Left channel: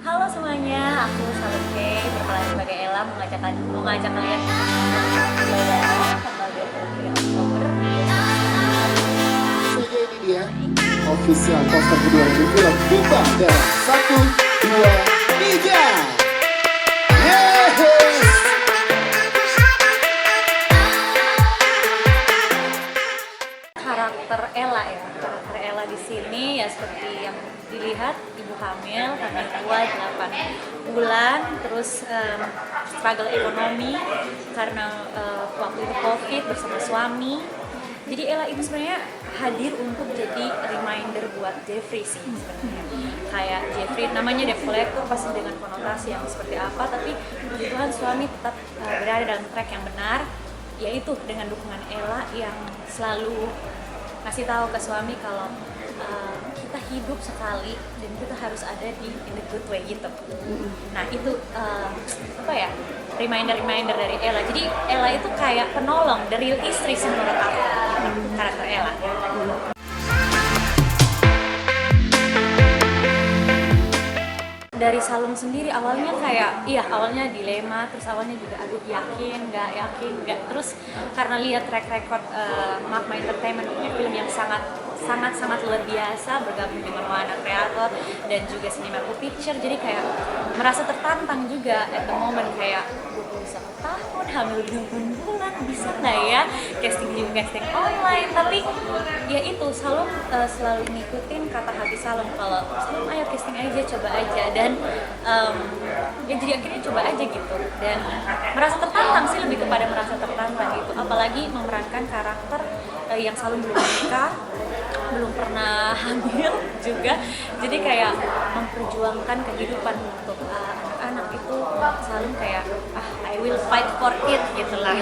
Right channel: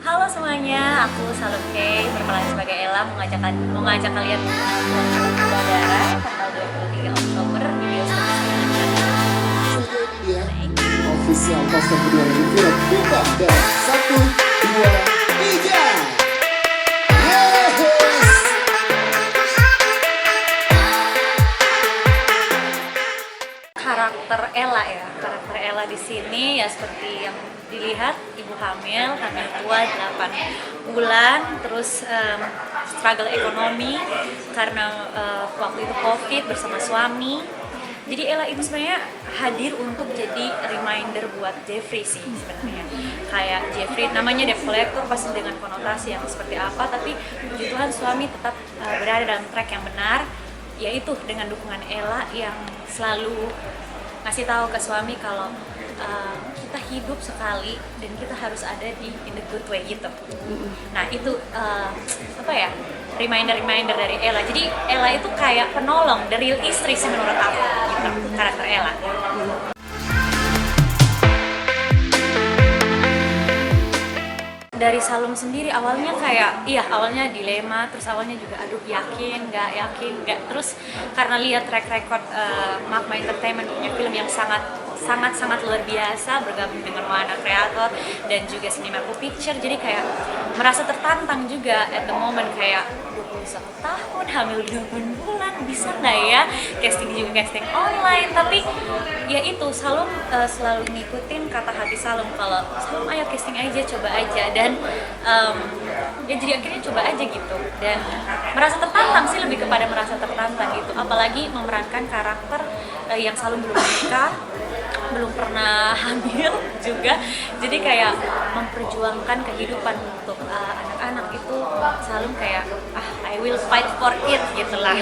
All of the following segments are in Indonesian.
Halo semuanya, aku Salum Kay, berperan sebagai Ella, mengajak kalian menonton film Saudara tanggal 23 Oktober di bioskop Ya, official poster kedua dari film Kita dan 1, 2, 3. Yes. Karakter Ella di sini ya seperti yang dilihat, ibu hamil tua 8 bulan, terus struggle ekonomi karena waktu itu COVID bersama suami. Jadi Ella itu sebenarnya hadir untuk jadi reminder buat Jeffrey sih sebenarnya. Kayak Jeffrey namanya debt collector pasti dengan konotasi yang seperti apa, tapi puji Tuhan suami tetap berada dalam track yang benar, yaitu dengan dukungan Ella yang selalu ngasih tahu ke suami kalau kita hidup sekali dan kita harus ada in the good way gitu. Nah itu reminder dari Ella. Jadi Ella itu kayak penolong, the real istri sih menurut aku gitu, karakter Ella. Dari Salum sendiri awalnya awalnya dilema, terus awalnya juga aduh yakin nggak, terus karena lihat track record Magma Entertainment punya film yang sangat luar biasa, bergabung dengan Warner Creator dan juga Cinemaco Picture, jadi kayak merasa tertantang juga at the moment, kayak 21 tahun, hamil 8 bulan, bisa nggak ya casting online, tapi ya itu Salum selalu ngikutin kata hati Salum, kalau Salum ayo casting aja, coba aja, dan ya jadi akhirnya coba aja gitu, dan merasa tertantang sih, lebih kepada merasa tertantang gitu, apalagi memerankan karakter yang Salum belum menikah, belum pernah hamil juga, jadi kayak memperjuangkan kehidupan untuk anak-anak itu Salum kayak I will fight for it gitulah.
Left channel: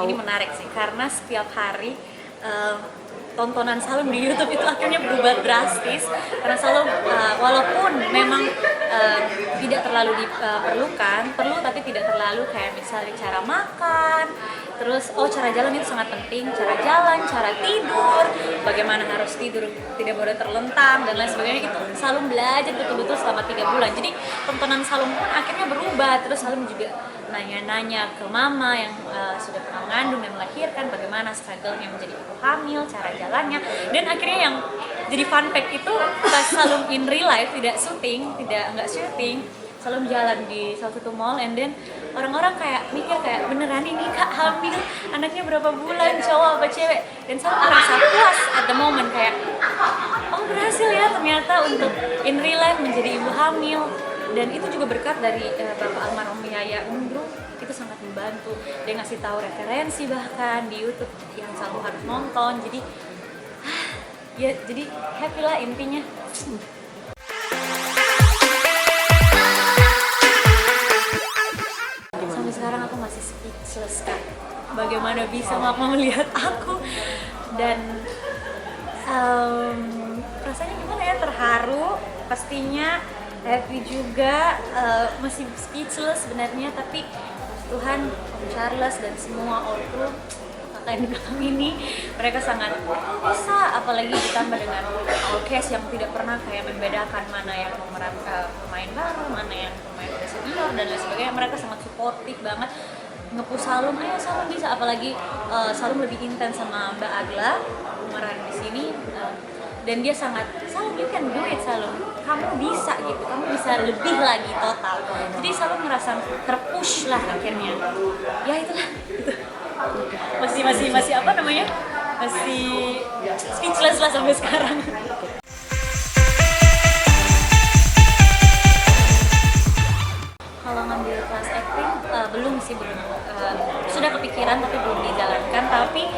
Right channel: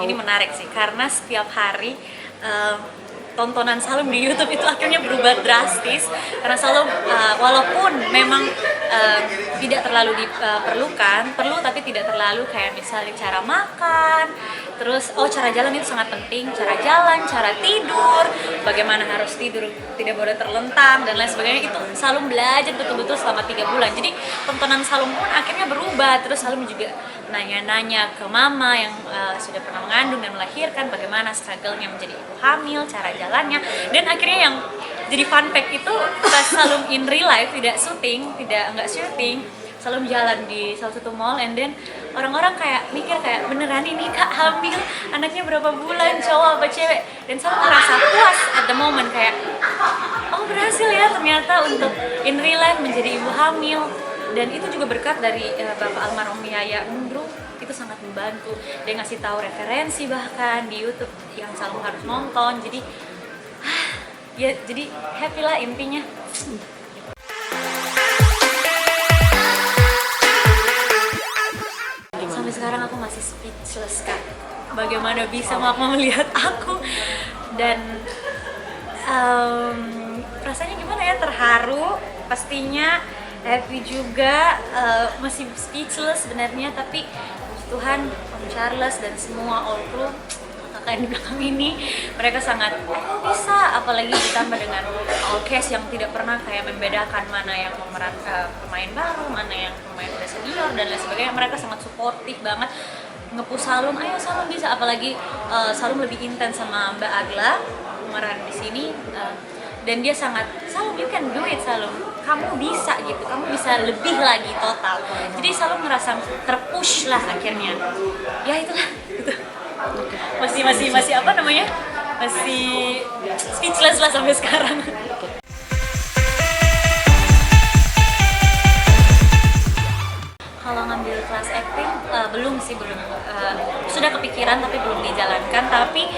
Ini menarik sih karena setiap hari tontonan Salum di YouTube itu akhirnya berubah drastis, karena Salum walaupun memang tidak terlalu diperlukan, perlu tapi tidak terlalu, kayak misalnya cara makan, terus cara jalan itu sangat penting, cara jalan, cara tidur, bagaimana harus tidur tidak boleh terlentang dan lain sebagainya, itu Salum belajar betul-betul selama 3 bulan. Jadi tontonan Salum pun akhirnya berubah, terus Salum juga nanya-nanya ke mama yang sudah pernah mengandung dan melahirkan, bagaimana struggle-nya menjadi ibu hamil, cara jalannya, dan akhirnya yang jadi fun fact itu pas Salum in real life nggak syuting, Salum jalan di salah satu mall, and then orang-orang kayak mikir kayak beneran ini Kak hamil, anaknya berapa bulan, cowok apa cewek, dan Salum merasa puas at the moment, kayak oh berhasil ya ternyata untuk in real life menjadi ibu hamil. Dan itu juga berkat dari Bapak almarhum Yaya Undru, itu sangat membantu, dia ngasih tahu referensi bahkan di YouTube yang Salum harus nonton, jadi ya jadi happy lah intinya. Sampai sekarang aku masih speechless Kak, bagaimana bisa Mama melihat aku, dan rasanya gimana ya, terharu pastinya, happy juga, masih speechless sebenarnya, tapi Tuhan, Om Charles dan semua all crew kakak yang di belakang ini, mereka sangat bisa, apalagi ditambah dengan all cast yang tidak pernah kayak membedakan mana yang pemain baru, mana yang pemain udah senior dan lain sebagainya. Mereka sangat suportif banget, nge-push Salum, ayo Salum bisa, apalagi Salum lebih intens sama Mbak Agla pemeran di sini, dan dia sangat, Salum you can do it Salum, kamu bisa gitu, kamu bisa lebih lagi total. Jadi Salum ngerasa terpush lah akhirnya, ya itulah gitu. Masih apa namanya, masih speechless lah sampai sekarang. Kalau ngambil kelas acting belum sudah kepikiran tapi belum dijalankan, tapi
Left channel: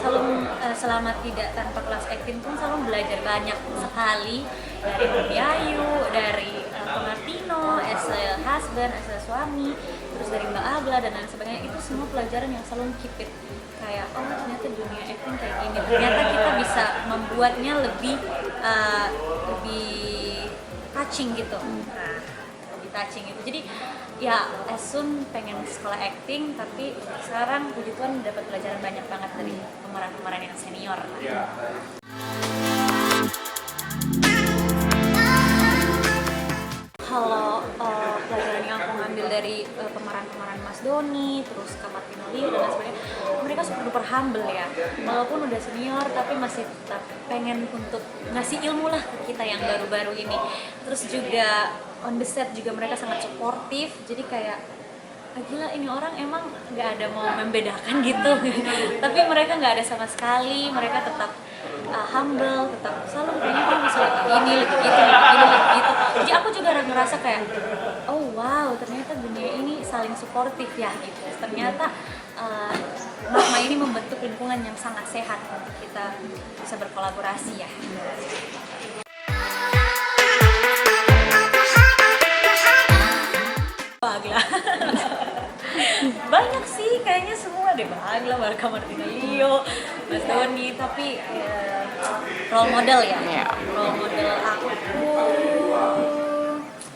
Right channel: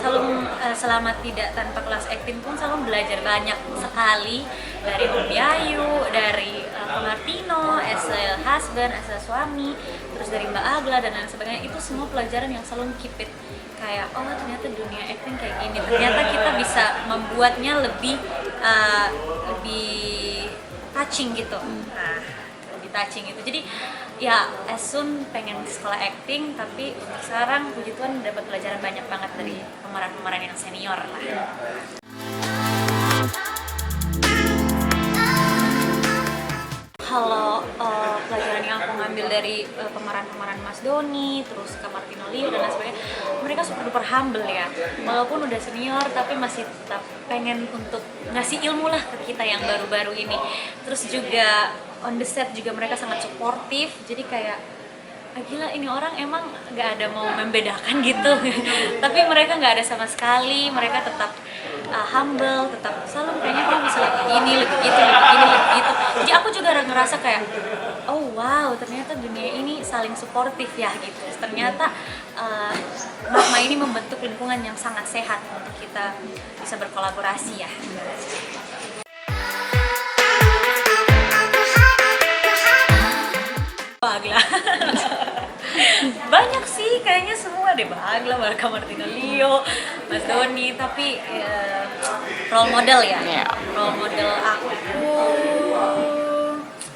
Salum selama tidak tanpa kelas acting pun Salum belajar banyak sekali dari Om Yayu, dari Martino, as a husband, as a suami, terus dari Mbak Agla dan lain sebagainya. Itu semua pelajaran yang Salum keep it, kayak oh ternyata dunia acting kayak gini, ternyata kita bisa membuatnya lebih touching gitu. Nah, touching itu. Jadi ya as soon pengen sekolah acting, tapi untuk sekarang puji Tuhan dapat pelajaran banyak banget dari pemeran-pemeran yang senior lah. Kalau pelajaran yang aku ngambil dari pemeran-pemeran Mas Doni, terus Kak Martino Liu dan lain sebagainya, mereka super humble ya. Walaupun udah senior, tapi masih tetap pengen untuk ngasih ilmu lah ke kita yang baru-baru ini. Terus juga on the set juga mereka sangat suportif, jadi kayak gila ini orang emang gak ada mau membedakan gitu. Tapi mereka gak ada sama sekali, mereka tetap humble, tetap selalu kayaknya kamu bisa lagi gini, lagi gitu, lagi gini, lagi gitu. Jadi aku juga ngerasa kayak oh wow, ternyata dunia ini saling suportif ya gitu. Ternyata Magma ini membentuk lingkungan yang sangat sehat untuk kita bisa berkolaborasi ya. Bagla. Banyak sih kayaknya semua deh, Bagla, Kak Martino Liu, Mas Doni, tapi role model ya. Role model aku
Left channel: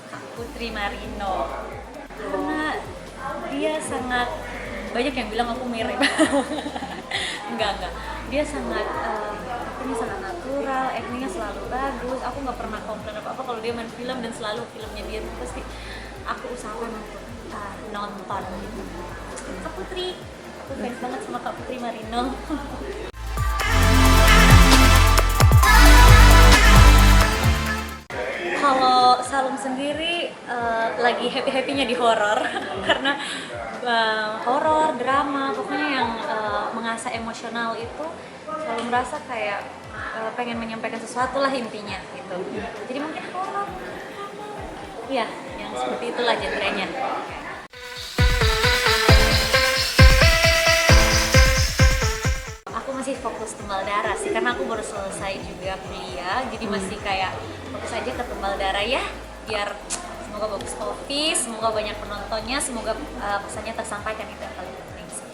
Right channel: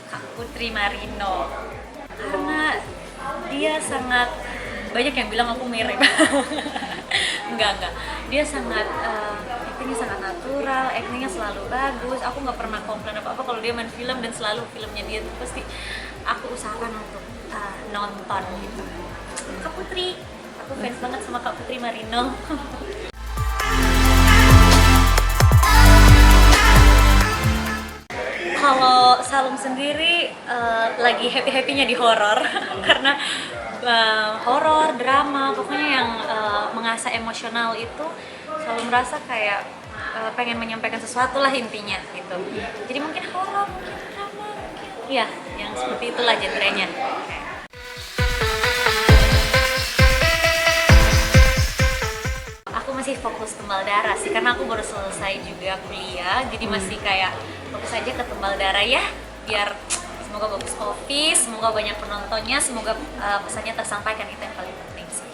Kak Putri Marino. Karena dia sangat, banyak yang bilang aku mirip. enggak. Dia sangat actingnya sangat natural, actingnya selalu bagus. Aku nggak pernah komplain apa-apa kalau dia main film, dan selalu filmnya dia tuh pasti aku usahakan untuk nonton gitu. Kak Putri, aku fans banget sama Kak Putri Marino. Kalau Salum sendiri lagi happy-happynya di horor karena horor, drama, pokoknya yang mengasah emosional itu selalu merasa kayak pengen menyampaikan sesuatu lah intinya gitu. Jadi mungkin horor, mungkin drama, mungkin ya yang seperti itulah genrenya. Aku masih fokus tembal darah sih, karena aku baru selesai juga kuliah, jadi masih kayak fokus aja ke tembal darah ya, biar semoga bagus office, semoga banyak penontonnya, semoga pesannya tersampaikan, itu yang paling penting sih.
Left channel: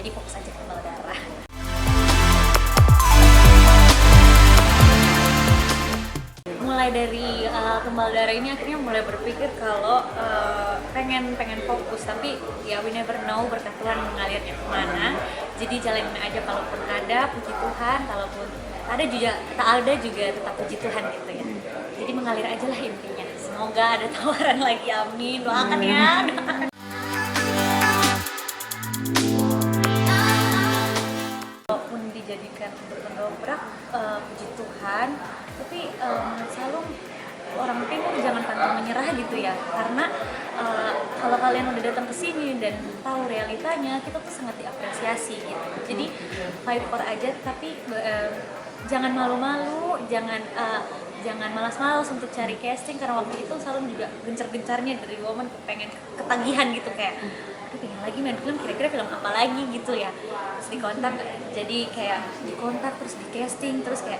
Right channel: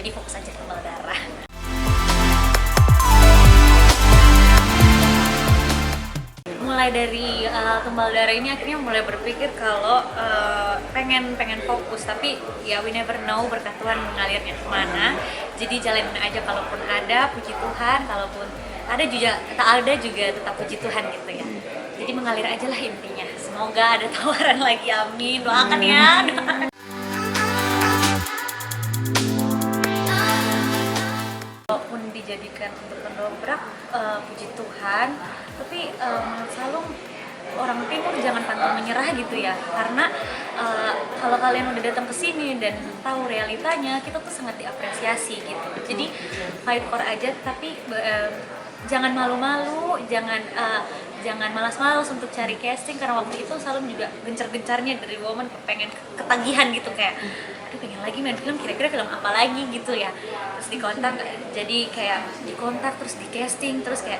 Jadi fokus aja ke tembal darah. Mulai dari tembal darah ini akhirnya mulai berpikir kalau pengen fokus, tapi ya we never know berkat Tuhan mengalirnya kemana. Jadi jalanin aja, kalaupun ada puji Tuhan, kalaupun ada juga tak ada juga tetap puji Tuhan gitu ya. Jadi mengalir aja lah intinya. Semoga ada tawaran lagi, amin. Doakan ya. Walaupun dijadikan untuk mendobrak, puji Tuhan, tapi menurut Salum orang timur jangan pantang menyerah gitu ya, karena kalau kalian udah datang ke sini dan tahu realitanya, kita tuh sangat diapresiasi gitu. Jadi fight for aja, tapi jangan malu-malu, jangan malas-malas untuk cari casting, karena waktu itu Salum juga gencar-gencarnya dari Woman pengen ketagihan gitu, kayak aduh pengen lagi main film, kira-kira film apa lagi gitu ya. Terus dikontak, jadi kayak dikontak terus di casting, terus kayak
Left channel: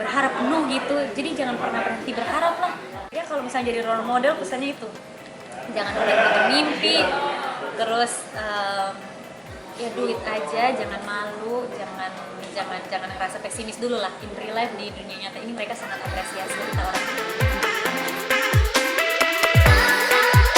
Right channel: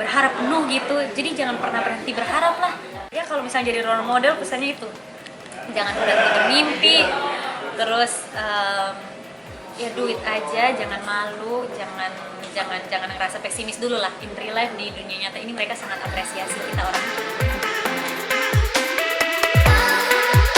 berharap penuh gitu. Jadi jangan pernah berhenti berharap lah ya. Kalau misalnya jadi role model, pesannya itu jangan berhenti bermimpi, terus ya do it aja, jangan malu, jangan ngerasa pesimis dulu lah. In real life, di dunia nyata ini mereka sangat apresiasi kita orang.